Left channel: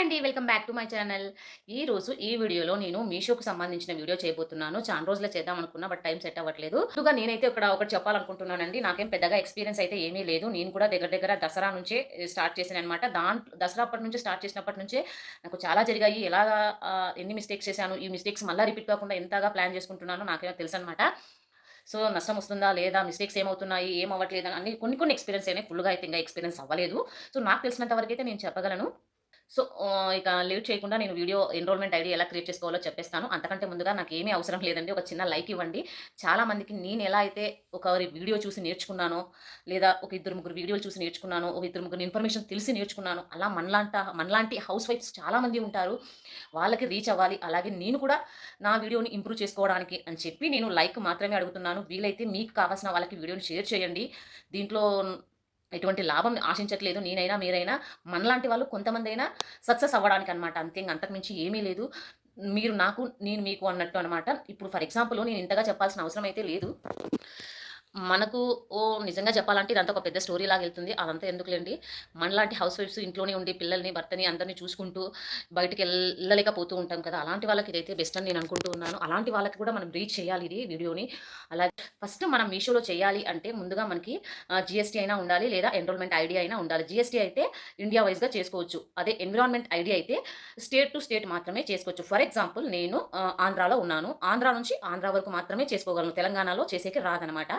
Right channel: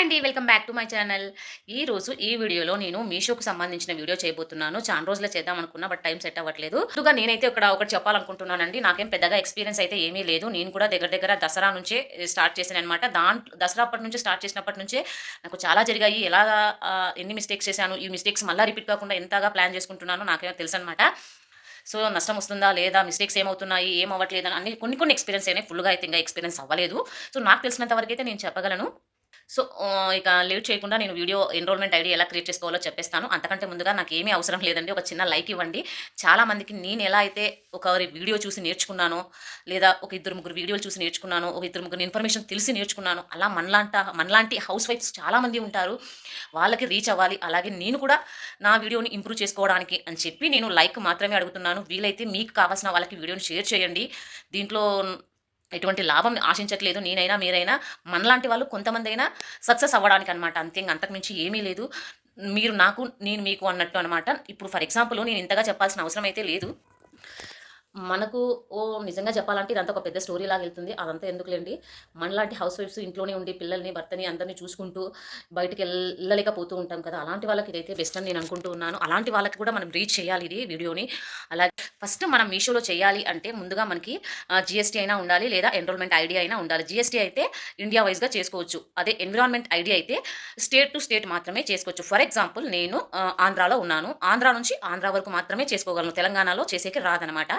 Hi అండి welcome back to my channel. ఈ రోజు ఈ వీడియోలో నేను మీషోకు సంబంధించిన వీడియో చేయబోతున్నాను. చాలా రోజులు చేద్దాం అనుకున్నా బట్ టైం సెట్ అవ్వట్లేదు. ముందుగా నేనైతే ఇక్కడ ఒకటి చెప్పాలనుకుంటున్నానండి. నాకేం పెద్దగా ఎక్స్పీరియన్స్ అయితే ఏమీ లేదు. నేను కూడా దగ్గర దగ్గర దసరా నుంచే స్టార్ట్ చేశాను అనమాట దాంట్లో దసరా అప్పటి నుంచి స్టార్ట్ చేసినప్పటి నుంచే నాకు చాలా జరిగాయి. ఎలా ఎన్ని మిస్టేక్స్ చేశాను ఈ మిస్టేక్స్ మళ్ళీ రిపీట్ కాకుండా ఎంతగా ప్లాన్ చేసుకుంటున్నానో నాకేమో తెలుసు అనమాట సో నష్టం వస్తుందా లేదా మిస్టేక్స్ ఏమవుతున్నాయి ఏం అవ్వట్లేదు అని అన్ని కొన్ని కొన్ని ఎక్స్పీరియన్స్ అయినాయి. ఫుల్గా అయితే ఇంకా ఎక్స్పీరియన్స్ అవ్వలేదు. సో నాకు తెలిసినంత వరకు అయితే నేను చెప్పగలను. సో ఇక లేట్ చేయకుండా నేను వీడియో ఎన్రోల్‌మెంట్ ఐడి ఎలా క్రియేట్ చేసుకోవాలో చెప్పేస్తాను. అంతకంటే ముందుగా నాకు ఏమీ అవసరం లేదండి. ఒక చిన్న లైక్ ఇవ్వండి. చాలామందికి నేను ఎలా అయితే ఒకరి వీడియో చూసి నేర్చుకున్నానో, లేదా ఒక ఇద్దరు ముగ్గురు వీడియోలు చూసి నేర్చుకున్నాను ఒక ఇద్దరు ముగ్గురు ఇన్ఫర్మేషన్ తెలిసి నేర్చుకున్నాను అలా మనలాంట మనలాంటి హౌస్ వైఫ్స్ చాలామంది ఉంటారు. వాళ్ళకి రీచ్ అవ్వాలి. అలాగే నేను కూడా నా వీడియోని ఇంప్రూవ్ చేసుకోవడానికి అని చెప్పి నేను లైక్ మాత్రమే అడుగుతున్నాను. వీలైతే మీకు కావాల్సిన వాళ్ళకి వీడియోని షేర్ చేయండి. దీంట్లో ఎటువంటి లాభం ఆశించట్లేదు. నేనైనా, మీరైనా మనలాంటి వాళ్ళు కొంతమందైనా సక్సెస్ అవ్వడానికి అనమాట అంతే అంతకుమించి ఏమీ లేదు. మీరు నాకు, నేను మీకు అన్నట్టు అనమాట. ఇప్పుడు ఫర్ ఎగ్జాంపుల్ నేను ఇంతగా చెప్పాల్సిన అవసరం అయితే లేదు. మనకు ఓ నిజంగా చెప్పాలంటే ఇదంతా ఒక పెద్ద స్టోరీ లాగా వెళ్తుంది అదంతా ఎందుకులేండి మనలాంటి హౌస్ వైఫ్స్ ఇంట్లోనే ఉండి పిల్లల్ని, భర్తని అందరిని చూసుకుంటూ బయటికి వెళ్ళలేకపోతూ ఉంటాం కదా! అలాంటి వాళ్ళకి ఇదైతే బెస్ట్ అని నేను అనుకుంటూ ఉన్నాను. అలాంటి వాళ్ళకి కూడా మనం రీచ్ చేయాలి ఇది వీడియోని. అలాగే ఫస్ట్ మనం మీషోలో చేయాలి అంటే ముందుగా మనకి జిఎస్టీ అయినా ఉండాలి లేదా ఎన్రోల్‌మెంట్ ఐడి అయినా ఉండాలి. జీఎస్టీ అయితే ఇండియా వైస్‌గా చేసుకోవచ్చు. అదే ఎన్విరాన్మెంట్ ఐడి అయితే స్టేట్ టు స్టేట్ మాత్రమే చేసుకోవచ్చు. ఫర్ ఎగ్జాంపుల్ నేను ఆంధ్రాలో ఉన్నాను. ఆంధ్ర నుంచి ఆంధ్ర వరకు మాత్రమే చేసుకోగలను. తెలంగాణలో చేసేకి రాదనమాట.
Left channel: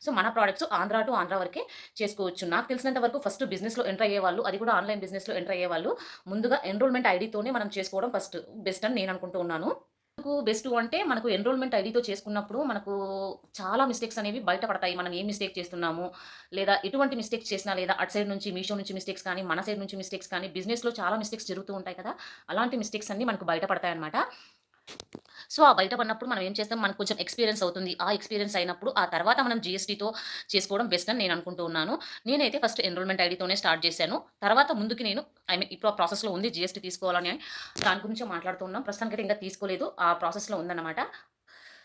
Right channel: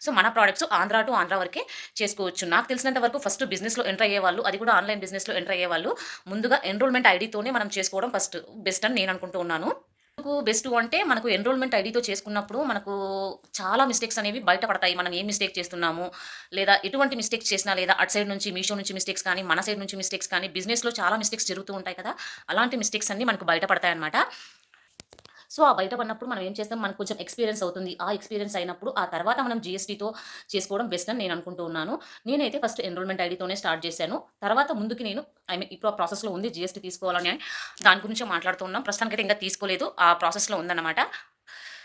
సో మన ప్రోడక్ట్స్ ఆంధ్ర టు ఆంధ్ర వరకే చేసుకోవచ్చు. నాకు తెలిసినంత వరకు ఫస్ట్ బిజినెస్‌లో ఎంటర్ అయ్యేవాళ్ళు, అది కూడా ఆన్‌లైన్ బిజినెస్‌లో ఎంటర్ అయ్యేవాళ్ళు ముందుగా ఎన్రోల్‌మెంట్ ఐడితోనే మనం చేసుకోవడం ఫస్ట్ బెస్ట్ అని నేను అనుకుంటూ ఉన్నాను. బెస్ట్ అంటే మనకు ఎన్రోల్‌మెంట్ ఐడితో చేసుకున్నప్పుడు మనకు చాలా మిస్టేక్స్ అనేవి బయటపడతాయి మనం ఏ మిస్టేక్ చేస్తున్నాము, లేదా ఎటువంటి మిస్టేక్స్ చేసినా లేదా అటు సైడ్ నుంచి మీషో నుంచి మిస్టేక్స్ కానీ, మన సైడ్ నుంచి మిస్టేక్స్ కానీ బిజినెస్‌లో చాలా మిస్టేక్స్ జరుగుతూ ఉంటాయి కదా! అలాంటి మిస్టేక్స్ అన్నీ మనకు బయటపడతాయి అన్నమాట సో, ఆ బయట పడినప్పుడు మనం ఏం చేస్తాం మనకు కొంచెం ఎక్స్‌పీరియన్స్ అవుతుంది. ఆ ఎక్స్‌పీరియన్స్ అయినప్పుడు ఆ తర్వాత మనం జీఎస్టీతో చేసుకోవడం బెస్ట్ అని నేను అనుకుంటూ ఉన్నాను. నేనైతే ఫస్ట్ ఎన్రోల్‌మెంట్ ఐడీతోనే స్టార్ట్ చేశాను. తర్వాత ముందుకి నేను ఐ మీన్ ఇప్పుడు ఆ ప్రాసెస్‌లో ఉంది జీఎస్టీ తీసుకోవాలని దాని గురించి మాట్లాడుతున్నాం ప్రస్తుతానికి ప్రస్తుతానికైతే ఇంకా తీసుకోలేదు. ఆ ప్రాసెస్‌లో ఉందన్నమాట.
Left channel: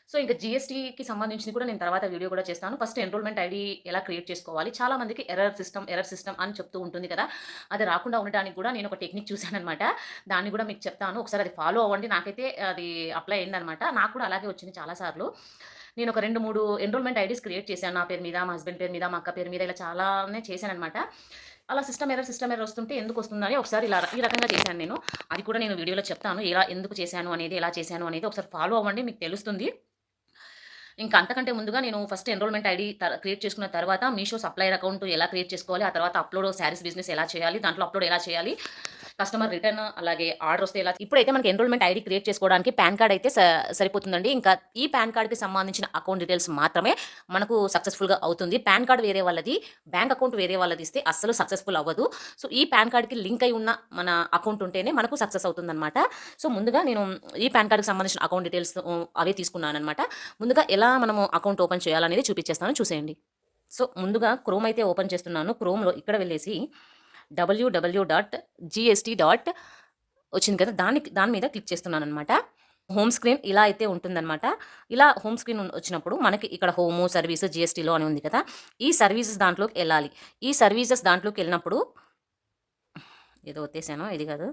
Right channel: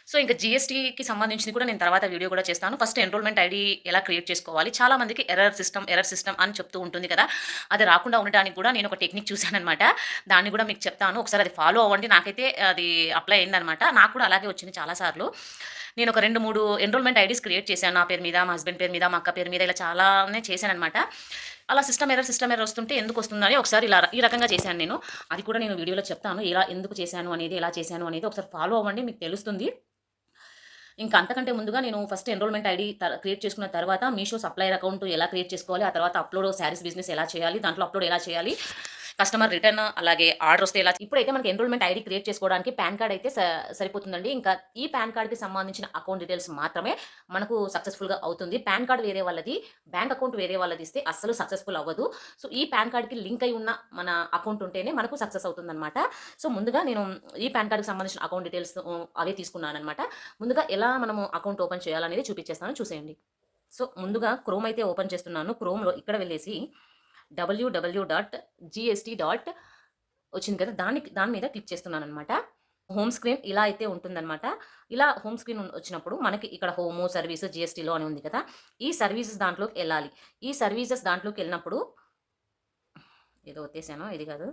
సో, ఇంకా జీఎస్టీకి సంబంధించింది కూడా నేను తర్వాత వీడియో కూడా చేస్తాను. ఫస్ట్ ఎన్రోల్‌మెంట్ ఐడి ఎలా క్రియేట్ చేసుకోవాలి. చాలా మందికి ఎర్రర్ సిస్టమ్, ఎర్రర్ సిస్టమ్ అని చెప్తూ ఉంటుంది కదా! అది రాకుండా ఉండటానికి కూడా నేను ఒక టెక్నిక్ చూశానమాట దాన్ని కూడా మీకు చెప్తాను. ఒకసారి అది ఫాలో అవ్వండి. నాకైతే అది అప్లై అయిందనమాట. నాకు కూడా అలాగే వచ్చింది చాలా సార్లు. నేను ఒక 2, 3 ఎన్రోల్‌మెంట్ ఐడీస్ క్రియేట్ చేశాను. నా పేరు మీద, మా హస్బెండ్ పేరు మీద, మా అక్క పేరు మీద ఇలా చాలానే చేశానమాట అలా సిస్టమ్ ఎర్రర్, సిస్టమ్ ఎర్రర్ వస్తుంటే ఎందుకు వస్తుందని ఒకసారి ఇలా ఈ రకంగా చేశాను నేను. అది కూడా నేను వీడియోలో చెప్తాను. ఎలా ఎందుకు చేశాను అనేది, ఎలా చేశాను అనేది ఒకసారి ఫాలో అవ్వండి. మీకు తెలుస్తుంది. ఇంకా అంతకంటే ముందుగా నేను ఫస్ట్ ఎన్రోల్‌మెంట్ ఐడి త క్రియేట్ చేసుకున్న తర్వాత మీషో సప్లయర్ అకౌంట్ ఎలా క్రియేట్ చేసుకోవాలి, ఆ తర్వాత అప్‌లోడ్ శారీస్ బిజినెస్ ఎలా చేయాలి, దాంట్లో అప్‌లోడ్ ఎలా చేయాలి, కస్టమర్ రిటర్న్ అలాగే ఆర్డర్ వస్తే ఎలా ఇప్పుడైతే మనకి ఎన్రోల్‌మెంట్ ఐడి క్రియేట్ చేసుకోవడానికి పాన్ కార్డ్ అయితే సరిపోతుందండి. ఇంకా ఈ పాన్ కార్డ్‌కి సంబంధించిన అకౌంట్ డీటెయిల్స్ మాత్రమే మనకు సక్సెస్‌ఫుల్‌గా అవుతుంది. పాన్ కార్డ్ వేరే వాళ్ళది, బ్యాంక్ అకౌంట్ వేరే వాళ్ళది ఇస్తే అస్సలు సక్సెస్‌ఫుల్ అవ్వదు. సో, ఈ పాన్ కార్డ్‌కి లింక్ అయి ఉన్న మన అకౌంట్ ఉంటేనే మనకు సక్సెస్ అవుతుందనమాట. సో, ముందుగా నేను ఈ పాన్ కార్డ్‌కి సంబంధించిన అకౌంట్ డీటెయిల్స్ అవే అవే తీసుకున్నాననమాట. ముందుగా ఎలా మనము అకౌంట్ ఓపెన్ చేయాలనేది చూపించేస్తాను చూసేయండి. సో, ముందుగా క్రోమ్ అయితే ఓపెన్ చేస్తున్నాను. క్రోమ్‌లో ఇక్కడ వెళ్ళేసి డబ్ల్యూడబ్ల్యూ డాట్ జీఎస్టీ డాట్ వచ్చింది కదా! దాని దాని మీద క్లిక్ చేస్తున్నాను అనమాట హోమ్ స్క్రీన్ ఇలా అయితే ఉంటుందనమాట. ఇలా హోమ్ స్క్రీన్ వచ్చినప్పుడు మనకి ఇక్కడ హోము, సర్వీస్, జిఎస్టీలో అని ఉంది కదా! ఈ సర్వీసెస్ దాంట్లోకి వెళ్ళాలి ఈ సర్వీసెస్ దాంట్లోకి వెళ్ళినప్పుడు ఏదో వచ్చేసాను ఇది కాదు.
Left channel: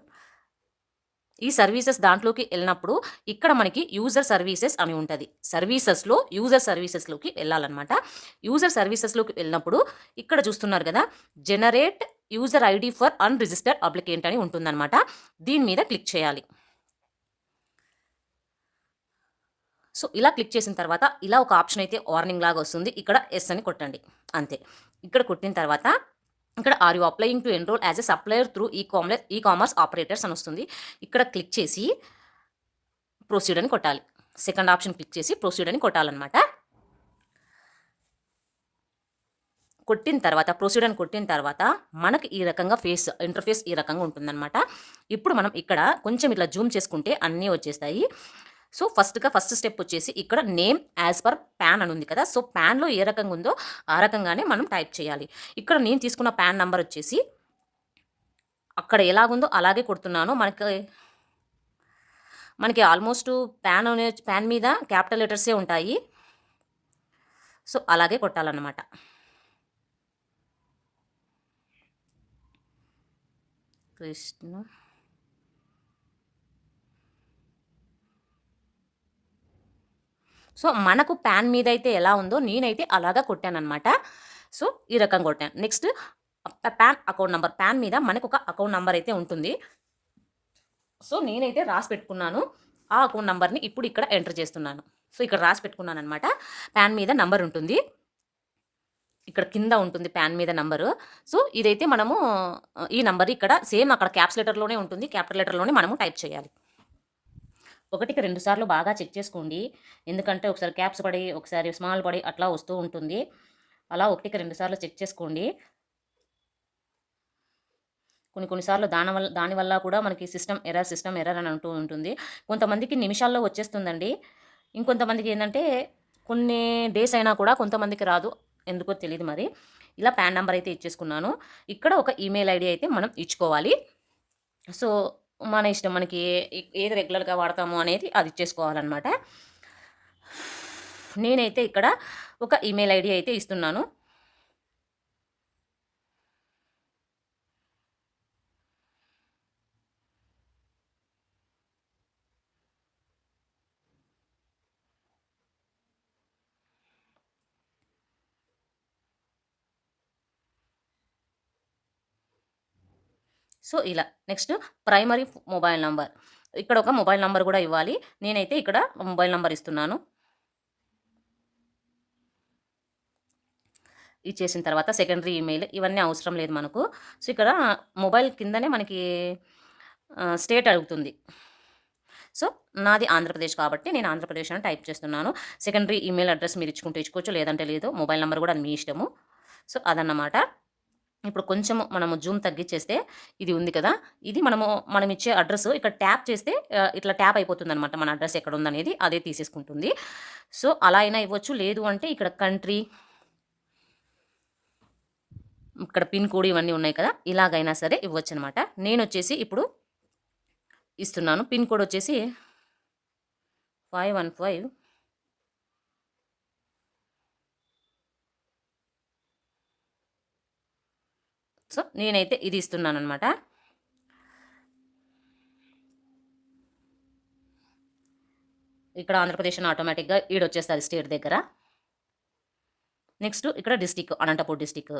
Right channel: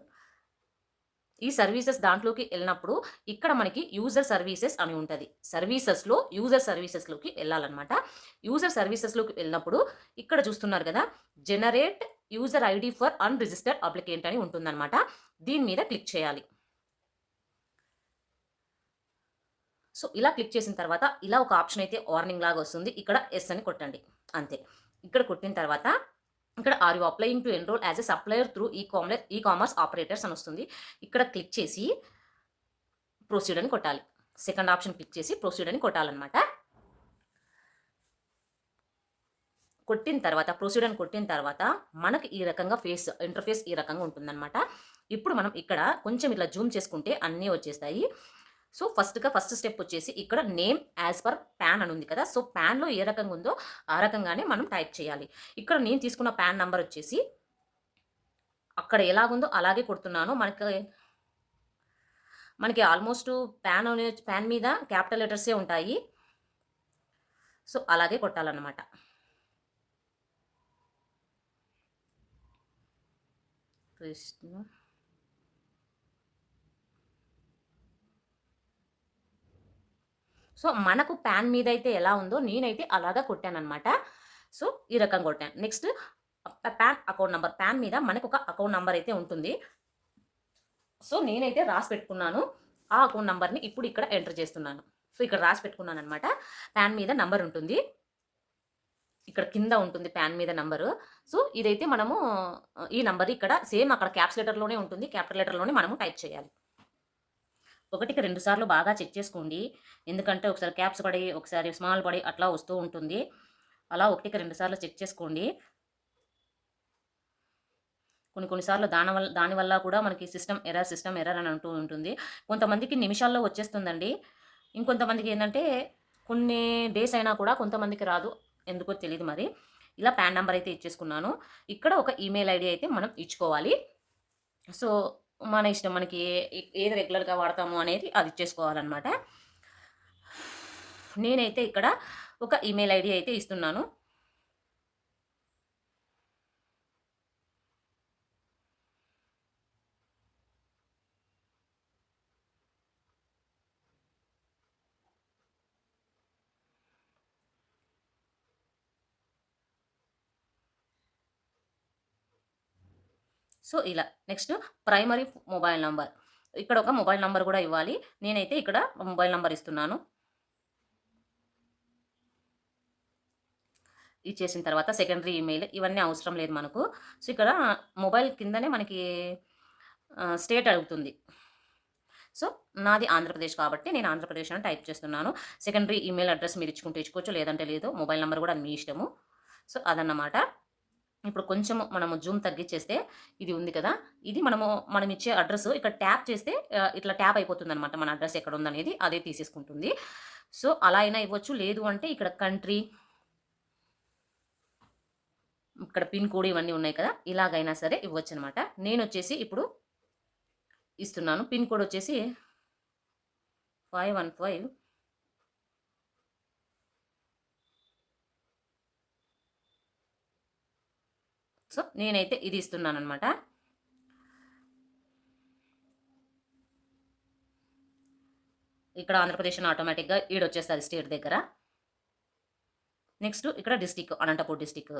ఈ సర్వీసెస్ దాంట్లోకి వెళ్ళినప్పుడు ఇక్కడ మనకి యూజర్ సర్వీసెస్ అని ఉంటుంది సర్వీసెస్‌లో యూజర్ సర్వీసెస్‌లోకి వెళ్ళాలన్నమాట యూజర్ సర్వీసెస్‌లోకి వెళ్ళినప్పుడు ఇక్కడ చూస్తున్నారు కదా! Generate user ID for unregistered applicant అని ఉంటుందనమాట. దీని మీద క్లిక్ చేయాలి. సో, ఇలా క్లిక్ చేసిన తర్వాత ఇలా ఒక ఆప్షన్ అయితే వార్నింగ్ లాగా వస్తుంది. ఇక్కడ ఎస్ అని కొట్టండి. అంతే. ఇక్కడ కొట్టిన తర్వాత ఇక్కడ are you applying to enrol as a supplier through e commerce e commerce operators అని వస్తుంది. ఇక్కడ క్లిక్ చేసి ప్రొసీడ్ అని కొట్టాలి. సెకండ్ ఆప్షన్ క్లిక్ చేసి ప్రొసీడ్ అని కొట్టాలనమాట. కొట్టిన తర్వాత ప్రొసీడర్ని కొట్టిన తర్వాత మనకి ఈ రకంగా ఫేస్ ఇంటర్‌ఫేస్ ఈ రకంగా ఉంటుందనమాట. ఇప్పుడు మనం ఇక్కడ కొంచెం ఇట్లా జూమ్ చేసుకుంటే అన్నీ వచ్చేస్తాయి. సో, ఫస్ట్‌గా ఫస్ట్ స్టెప్ వచ్చేసి ఇక్కడ నేమ్ యాజ్ పర్ పాన్ అని ఉంది కదా! సో, పాన్‌లో ఏ రకంగా ఉందో ఆ రకంగానే మనం టైప్ చేయాలి. ఇక్కడ నేను తీసుకున్న పాన్ నెంబర్ వచ్చేసి అక్కడ ఎలాగుందో అలాగే కొడుతున్నాను. మనకి మనకి ఆల్మోస్ట్ పాన్ అనే మీద క్యాపిటల్ లెటర్సే ఉంటాయి. సో, అలాగే కొట్టాలన్నమాట పేస్ట్ను సో మనకు ప్యాన్ మీద అయితే ఎలా ఉందో నేనైతే అలాగా కొట్టానమాట సో ఈ రకంగా కొట్టాను. Next PAN account number PAN మీద మనకు ఒక అకౌంట్ నెంబర్ అయితే ఉంటుంది. సో నేనైతే రాసి పెట్టుకున్నాను. ఆ అకౌంట్ నెంబర్ని ఇప్పుడు ఇక్కడ ఎంటర్ చేస్తున్నాను. సో ఇక్కడ రాసి పెట్టుకున్నాను అనమాట ప్యాన్ మీద నంబర్ ఉంటుంది. ఇక్కడ కింద ఉంటుంది ప్యాన్ మీద నంబరు. సో ఇదైతే మనము ఈ నంబర్ ఇక్కడ సేమ్ అక్కడ క్యాప్స్ లెటర్లోనే ఉంటుంది. క్యాపిటల్ లెటర్లోనే మనము టైప్ చేయాలి. ఒకటికి రెండు సార్లు బాగా చెక్ చేసుకోండి. ఎందుకంటే ఒకసారి క్యాప్స్ పడి ఒకసారి స్మాల్ పడి అట్లా వస్తూ ఉంటుంది. అలా ఒకటికి రెండు సార్లు చెక్ చేసుకోండి. కొన్ని కొన్నిసార్లు దాని వల్ల దానివల్ల కూడా మనకి సిస్టమ్ ఎర్రర్ సిస్టమ్ ఎర్రర్ అని అంటూ ఉంటుంది. కొంతమందికి నిమిషాల్లో వచ్చేస్తుందండి. ఇంకొంతమందికి ఏంటంటే కొన్ని డేస్ అయినా కూడా కొంతమందికి రాదు. ఎందుకో తెలియదు మరి. ఇలా ప్యాన్ నెంబర్ అయితే ఇచ్చేసుకున్నాను. ఇక్కడ ఒక ఈమెయిల్ ఐడి అయితే మనం ఇచ్చుకోవాలి. సో మన ఇష్టం మనకి ఏది రెగ్యులర్గా వాడతాము అనేది అది ఇచ్చేసుకోవాలన్నమాట. నేనైతే ఇక్కడ ఒక ఈమెయిల్ ఐడి అయితే ఇస్తున్నాను. సో ఇలా నెక్స్ట్ ప్రైమరీ మొబైల్ నంబర్. ఇక్కడ ఒక మొబైల్ నంబర్ కూడా ఇవ్వాలి. నేనైతే ఇక్కడ మొబైల్ నంబర్ ఇస్తున్నాను. ఇచ్చేసిన తర్వాత సెకండరీ ఈమెయిల్ ఇవన్నీ అవసరం లేదు మనకు. సో ఇక్కడ మొబైల్ కిందనే మనకి స్టేట్ అడుగుతుంది. సో నాది ఆంధ్రప్రదేశ్ కాబట్టి నేను ఆంధ్రప్రదేశ్ అని టైప్ చేస్తున్నాను. సెకండరీ ఈమెయిల్ అడ్రస్ మీరు ఇచ్చుకుంటే ఇచ్చుకోవచ్చు. లేదంటే లేదు మొబైల్ నెంబర్ కూడా మీ ఇష్టము. సో అదన్నమాట. ఇప్పుడు కొంచెం మనము జూమ్ తగ్గించేస్తే ఇది ఉంది కదా. ఇది మనము మనం ఇచ్చే అడ్రస్ ఇక్కడ ట్యాప్ చేస్తే ఇట్లా ట్యాప్ అయిపోతుంది అనమాట మన అడ్రస్ ఎక్కడ ఉందనేది అదే తీసేసుకుంటుంది. సో అలా అయినా ఇవ్వచ్చు. లేదు అంటే ఇక్కడ కంట్రీ ఇక్కడ పిన్ కోడ్ ఇవన్నీ ఉన్నాయి కదా. ఇలాగైనా సరే ఇవ్వచ్చు అనమాట నేను వచ్చేసి ఇప్పుడు ఇస్తున్నాను. పిన్ కోడ్ వచ్చేసి ఫైవ్ వన్ ఫైవ్ సో నేనైతే ఇది ఇస్తున్నాను అనమాట ఇక్కడ ఆంధ్రప్రదేశ్ ఆటోమేటిక్గా ఈడొచ్చేస్తుంది స్టేట్ దగ్గర. నెక్స్ట్ ఇక్కడ డిస్టిక్ అనంతపూర్ డిస్టిక్.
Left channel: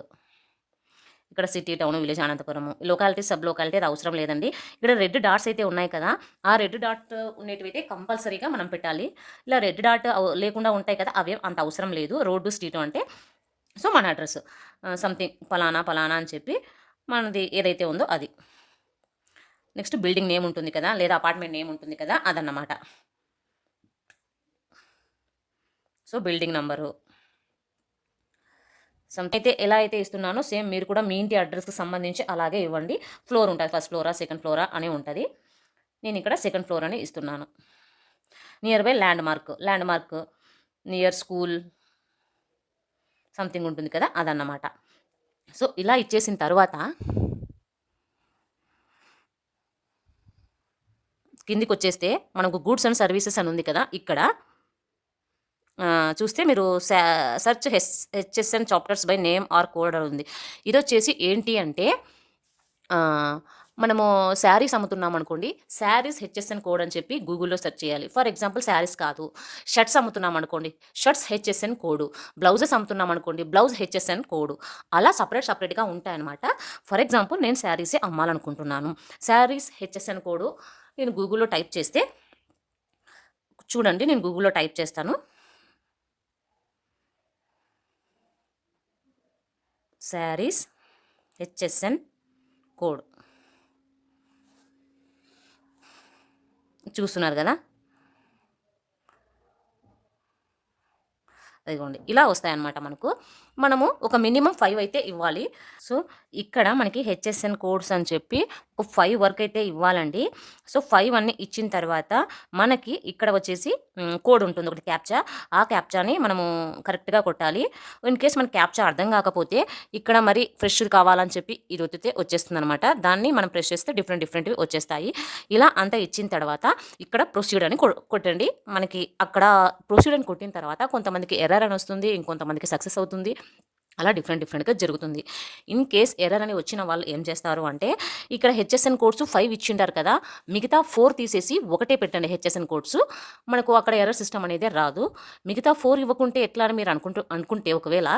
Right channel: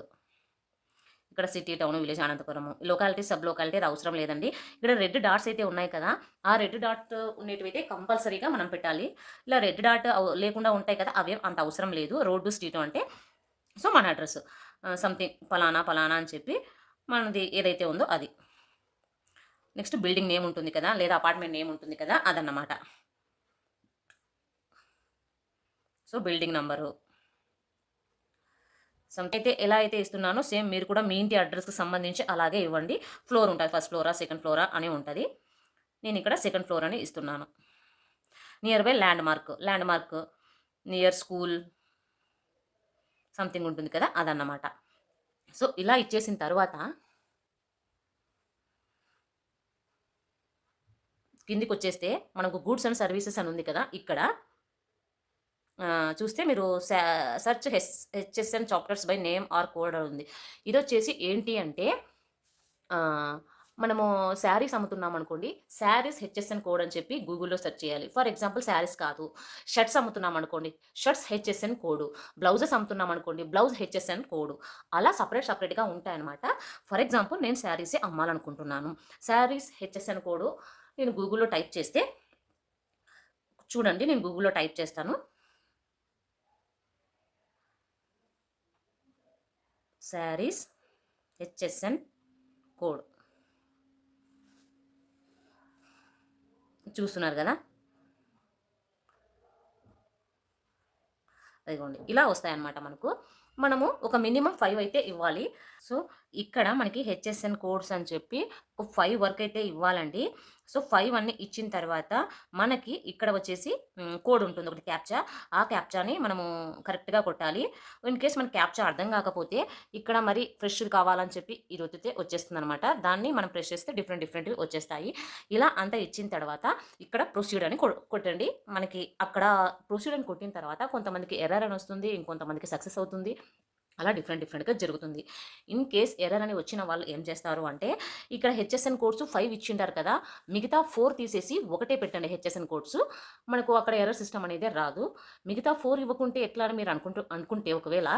ఇక్కడ city town village Anantapuram. Locality sub locality అవసరం లేదండి. ఇక్కడ రెడ్ డాట్స్ అయితే ఉన్నాయి కదా ఆ రెడ్ డాట్ ఉండేటివైతే కంపల్సరీగా మనం పెట్టాలి. ఇలా రెడ్ డాట్ లేకుండా ఉంటాయి కదా అవి అంత అవసరం లేదు. రోడ్డు స్ట్రీట్ అంటే. సో మన అడ్రస్. సంథింగ్ పలానా పలానా అని చెప్పి మనది ఏదైతే ఉందో అది. నెక్స్ట్ బిల్డింగ్ నేమ్ ఉంటుంది కదా లేదా అపార్ట్మెంట్ నేమ్ ఉంటుంది కదా అదన్నమాట. సో బిల్డింగ్ నంబరు అయితే ఎలా అయితే ఇస్తున్నానో సేమ్ మీరు కూడా మీ ఇంటి అడ్రస్కి సంబంధించి అలాగే ఇవ్వండి. ఫ్లోర్ ఉంటుంది ఫస్ట్ ఫ్లోరా సెకండ్ ఫ్లోరా అని ఉంటుంది. నేను ఇక్కడ సెకండ్ ఫ్లోర్ అని ఇస్తున్నాను. Nearby landmark landmark near school something ఉంటుంది కదా అదన్నమాట. సో ఇలా ఇచ్చేసిన తర్వాత కిందికి వచ్చేస్తే మనకు గూడ్స్ అండ్ సర్వీసెస్ అని ఉంది కదా ఇక్కడ. చూస్తే మీరు search H HSN chapters by name or code అని ఉంది. ఇది వచ్చేసి ఏంటి అంటే మనము శారీస్ అమ్ముతున్నాం అనుకోండి శారీస్ హెచ్ఎస్ఎన్ కోడ్ అని చెప్పి గూగుల్లో సెర్చ్ చేయాలి. ఫర్ ఎగ్జాంపుల్ శారీస్ కాదు షర్ట్స్ అమ్ముతున్నాం అనుకోండి షర్ట్స్ హెచ్ఎస్ఎన్ కోడ్ బ్లౌజెస్ అమ్ముతున్నాం అనుకోండి బ్లౌజ్ హెచ్ఎస్ఎన్ కోడ్ అలా సపరేట్ సపరేట్గా ఉంటాయన్నమాట. ఫర్ ఎగ్జాంపుల్ నేను శారీసే అమ్మాలనుకుంటున్నాను. శారీస్ హెచ్ఎస్ఎన్ కోడ్ నేను గూగుల్లో టైప్ చేస్తే చూడండి నేను గూగుల్లో టైప్ చేస్తాను. శారీస్ హెచ్ఎస్ఎన్ కోడ్ చూస్తున్నారు కదా? అదిగోండి ఇలా వస్తాయన్నమాట మనకు. మనము ఒక మినిమం ఫైవ్ అయితే ఇవ్వాలి. సో ఇక్కడ మనకి హెచ్ఎస్ఎన్ కోడ్స్ అని చెప్పి ఒక ఫైవ్ వర్క్ అయితే ఇవ్వాలండి. సో ఫైవ్ అన్ని ఇచ్చిన తర్వాత మనకి ఇక్కడ వచ్చేసి కోడ్ ఉంటుంది. ఒకటి క్యాప్చా. ఆ క్యాప్చాని మనము కరెక్ట్గా కొట్టాలి. ఇన్ కేస్ మనకి క్యాప్చా అర్థం కాకపోతే ఇక్కడ మరి ఫ్రెష్ కావాలని చెప్పి ఇది ఒత్తితే వచ్చేస్తుంది అనమాట దాన్ని మనం ప్రెస్ చేస్తే డిఫరెంట్ డిఫరెంట్వి వచ్చేస్తాయి. ఇలా అంతా ఇచ్చిన తర్వాత ఇక్కడ ప్రొసీడ్ అని కొట్టండి. మనకి అక్కడ ప్రొసీడ్ అని కొట్టిన తర్వాత కొంతమందికి ఎర్రర్ అని వస్తుంది. ఇంకొంతమందికి సక్సెస్ అవుతుంది. అలా డిఫరెంట్ డిఫరెంట్గా జరుగుతుంది. ఇన్ కేస్ ఎర్రర్ అని వచ్చిన వాళ్ళు ఏం చేస్తారు అంటే ఇక్కడ హెచ్ఎస్ఎన్ కోడ్స్ ఫైవ్ ఇచ్చింటారు కదా మిగతా ఫోర్ తీసేసి ఒకటే పెట్టండి హెచ్ఎస్ఎన్ కోడ్స్. మనకు అక్కడ ఎర్రర్ సిస్టమ్ అనేది రాదు. మిగతా ఫోర్ ఇవ్వకుంటే ఎట్లా అని మీరు అనుకుంటూ అనుకుంటే ఒకవేళ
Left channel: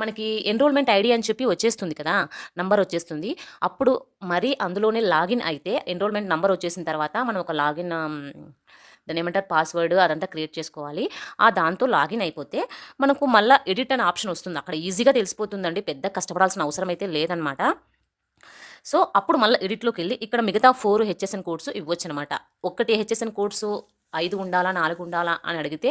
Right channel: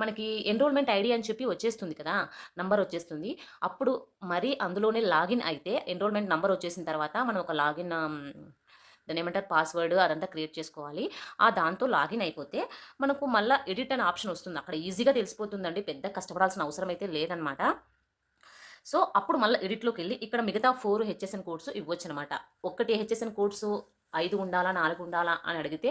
మనకి ఎన్రోల్మెంట్ ఐడి అని చెప్పి వచ్చేస్తుంది కదా నంబర్ వచ్చేస్తుంది. అప్పుడు మరి అందులోనే లాగిన్ అయితే ఎన్రోల్మెంట్ నంబర్ వచ్చేసిన తర్వాత మనం ఒక లాగిన్ దాని ఏమంటారు పాస్వర్డ్ అదంతా క్రియేట్ చేసుకోవాలి. ఆ దాంతో లాగిన్ అయిపోతే మనకు మళ్ళీ ఎడిట్ అనే ఆప్షన్ వస్తుంది. అక్కడ ఈజీగా తెలిసిపోతుందండి. పెద్ద కష్టపడాల్సిన అవసరం అయితే లేదనమాట. సో అప్పుడు మళ్ళీ ఎడిట్లోకి వెళ్ళి ఇక్కడ మిగతా ఫోర్ హెచ్ఎస్ఎన్ కోడ్స్ ఇవ్వచ్చు అనమాట ఒక్కటి హెచ్ఎస్ఎన్ కోడ్స్ ఐదు ఉండాలా నాలుగు ఉండాలా అని అడిగితే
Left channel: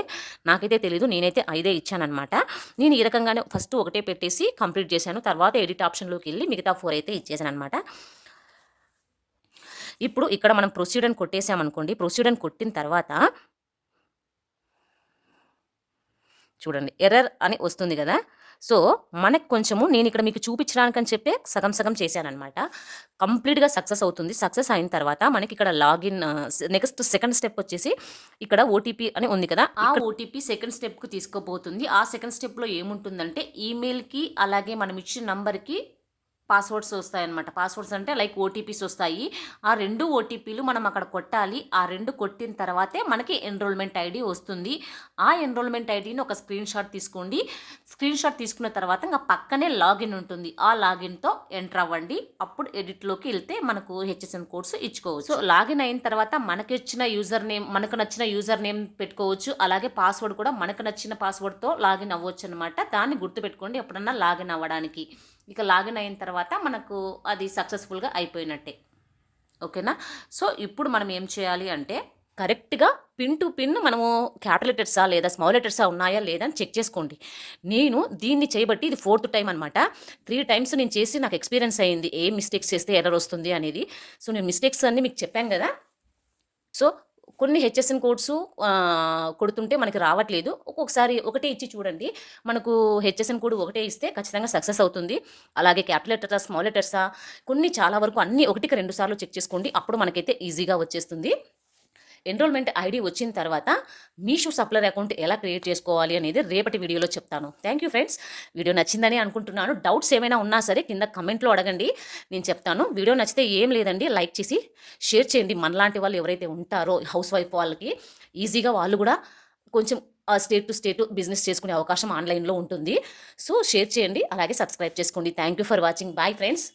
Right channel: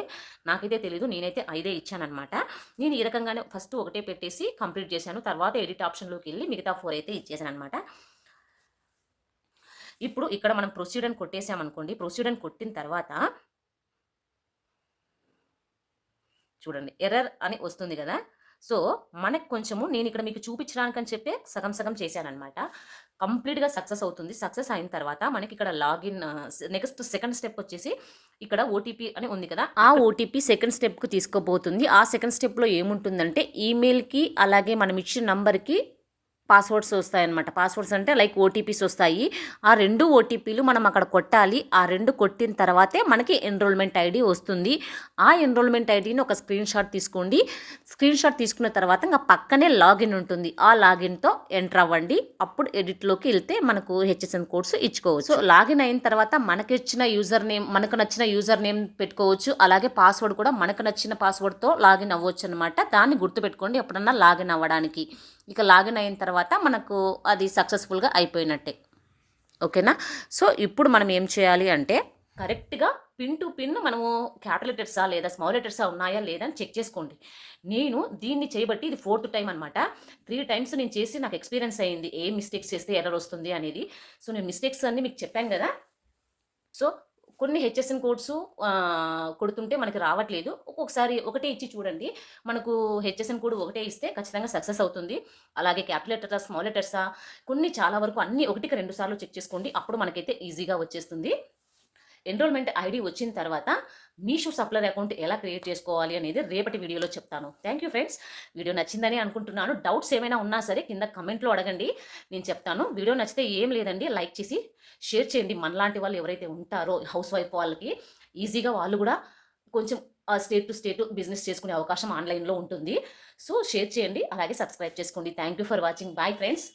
నాకైతే తెలీదు. నేనైతే ఐదే ఇచ్చానమాట నేను ఈ రకంగానే ఫస్ట్ ఒకటే పెట్టేసి కంప్లీట్ చేశాను. తర్వాత ఎడిట్ ఆప్షన్లోకి వెళ్ళి మిగతా ఫోర్ అయితే ఇచ్చేసాను అనమాట ఇప్పుడు ఇక్కడ మనం ప్రొసీడ్ అని కొట్టేసామనుకోండి ప్రొసీడ్ అని కొట్టిన తర్వాత చూడండి ఎర్రర్ అని వస్తుంది కదా. సో మనకు కొంచెము నేను ఇక్కడ మీకు చూపించడానికని చెప్పే సగం సగం చేశానమాట కంప్లీట్గా సక్సెస్ అవుతుంది. సక్సెస్ అయిన తర్వాత మనకి ఇక్కడ లాగిన్ నెక్స్ట్ సెకండ్ స్టెప్ వచ్చేసి ఇక్కడ ఓటీపీ అని ఉంది కదా. ఆ ఓటీపీ సెకండ్ స్టెప్కి తీసుకోబోతుంది. ఆ సెకండ్ స్టెప్లో ఏముంటుందంటే ఈమెయిల్కి అలాగే మనం ఇచ్చిన నంబర్కి పాస్వర్డ్స్ వస్తాయన్నమాట. పాస్వర్డ్స్ అంటే లైక్ ఓటీపీస్ వస్తాయి. ఆ రెండు ఓటీపీలు మనం అక్కడ కొట్టాలి. ఆ రెండు కొట్టిన తర్వాతే మనకి ఎన్రోల్మెంట్ ఐడి వస్తుంది. ఆ ఎన్రోల్మెంట్ ఐడిని ఒక స్క్రీన్ షాట్ తీసుకోండి. స్క్రీన్ షాట్ తీసుకున్న తర్వాత ఇంకా పక్కనే లాగిన్ ఉంటుంది. ఆ లాగిన్తో ఎంటర్ అవ్వండి. అప్పుడు ఎడిట్లోకి వెళ్తే మనకు హెచ్ఎస్ఎన్ కోడ్స్ ఇచ్చుకోవచ్చు. సో లాగిన్ అయిన తర్వాత మనకి ఇచ్చిన యూజర్ నేమ్ మనకు నచ్చిన యూజర్ నేమ్ పెట్టుకోవచ్చు. అలాగే పాస్వర్డ్ కూడా మనకు నచ్చిన పాస్వర్డ్తో లాగిన్ అవ్వచ్చు అనమాట దాన్ని గుర్తుపెట్టుకోండి ఎప్పుడన్నా లాగిన్ అవ్వడానికి. ఇక లాగిన్ అయిన తర్వాత మనకు అది సక్సెస్ఫుల్గా అయిపోయినట్టే. ఓకేనా? సో ఇప్పుడు మనం ఏం చేయాలి అంటే కరెక్ట్గా పిన్ టు పిన్ మనము క్యాపిటల్ లెటర్సా లేదా స్మాల్ లెటర్సా ఉన్నాయా లేదా అని చెక్ చేసుకోండి. నేను దీన్ని చేయబట్టి ఇది ఫోర్త్ టైం అనమాట త్రీ టైమ్స్ నేను చేసి నాకు ఎక్స్పీరియన్స్ అయింది. ఏ మిస్టేక్స్ చేస్తే ఎర్రర్ వస్తుంది అనేది. సో నేను మిస్టేక్స్ అన్నీ మీకు చెప్పాను కదా. సో కొన్ని హెచ్ఎస్ఎన్ కోడ్స్ కొడుతుంటే మనకి రావట్లేదు. ఒక్కొక్కసారి ఒకటే ఇచ్చి చూడండి. మనకు హెచ్ఎస్ఎన్ కోడ్ ఒకటే ఇస్తే ఖచ్చితంగా సక్సెస్ అవుతుంది. అలాగే క్యాపిటల్ లెటర్సా స్మాల్ లెటర్సా కొన్ని చాలా వరకు అన్ని ఒకటికి రెండు సార్లు చెక్ చేసుకోండి. అప్పుడు మనకైతే ఈజీగా వచ్చేస్తుంది. ఎన్రోల్మెంట్ ఐడి వచ్చిన తర్వాత మీషో సప్లర్ అకౌంట్ ఎలా క్రియేట్ చేసుకోవాలి అనేది రేపటి వీడియోలో చెప్తాను. థ్యాంక్ యూ ఫ్రెండ్స్ వీడియో నచ్చిందని అనుకుంటున్నాను. డౌట్స్ ఏమైనా ఉన్నా సరే కింద కమెంట్లో అడగండి. నేను చెప్తాను. వీడియో నచ్చితే ఏం లేదండి. లైక్ చేసి షేర్ చేయండి. మనలాంటి వాళ్ళు ఎవరైతే ఉంటారో హౌస్ వైఫ్ వాళ్ళకి ఈజీగా వాళ్ళు కూడా కొంచెం స్టేట్ టు స్టేట్ బిజినెస్ చేసుకునే అవకాశం ఆన్లైన్లో ఉంటుంది. సో షేర్ చేయండి. అలాగే సబ్స్క్రైబ్ చేసుకోండి. Thank you for watching bye friends